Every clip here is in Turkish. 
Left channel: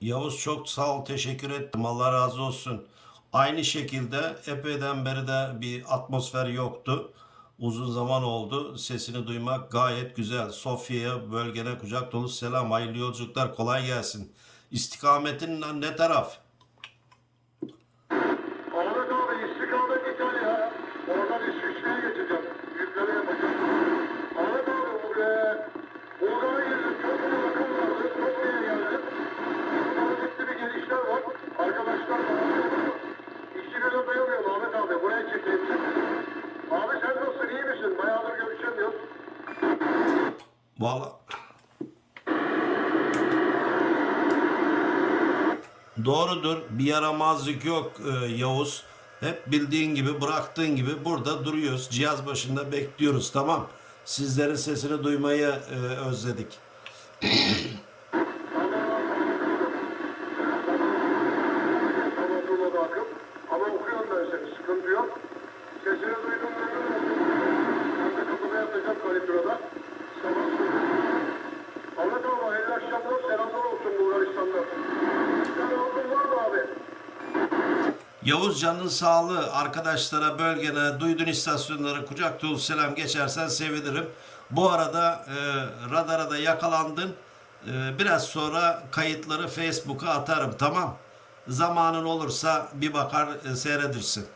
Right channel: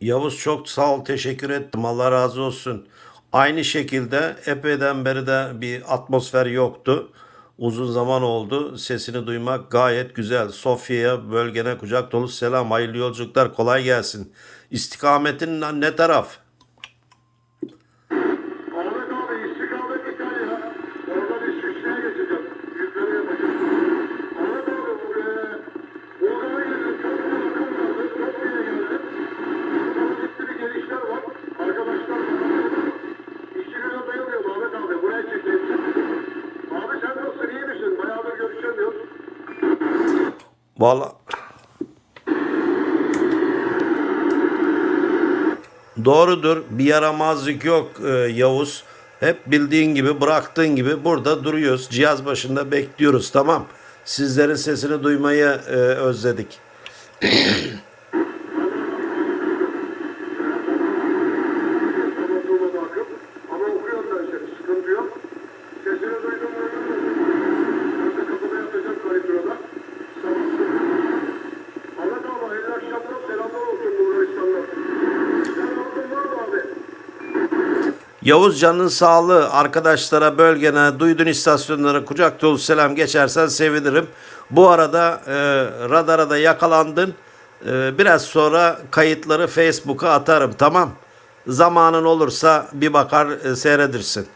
Yavuz çok sağ ol, teşekkür ettim. Allah razı olsun. Aynı şekilde epeyden beri de bir atmosfer yoktu. Uzun zaman oldu. Sesini duymak gayet güzel. Sofya'ya, bölgene kucak dolu selam. Hayırlı yolculuklar, kolay gelsin. İstikametin ne taraf? Vallahi Doğrudur. Bir yaramazlık yok e, Yavuz. Hep bildiğin gibi bıraktığın gibi burada duruyoruz. Cihaz başında bekliyoruz tamam. Sizlerin sesini duymayı e, özledik. Yavuz canın sağlığı arkadaşlara bölgene duydun istasyonlara kucak dolu selam geçersen sevinirim. Bu arada e, radara da yakalandın. E, biraz sonra kayıtları Facebook'a atarım tamam. Zamanın olursa bir bakar e, seyredirsin.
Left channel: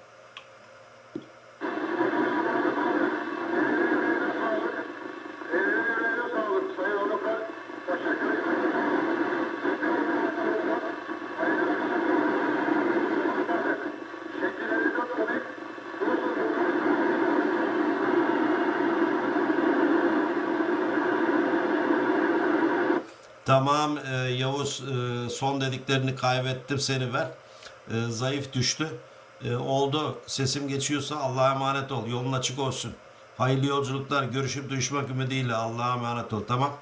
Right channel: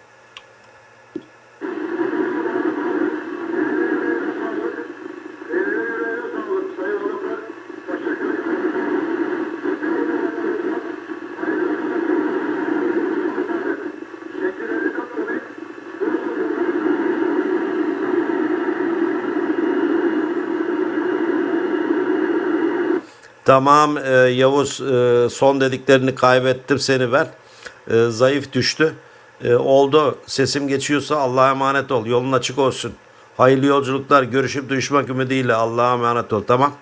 Tamam e, Yavuz e, son dediklerini kaybettim seni ver. E, zayıf düştü. E, oldu sesim geçiyorsa Allah'a emanet ol. Yolun açık olsun. Hayırlı yolculuklar. Görüşüp duyuşmak ümidiyle Allah'a emanet ol. Tamam.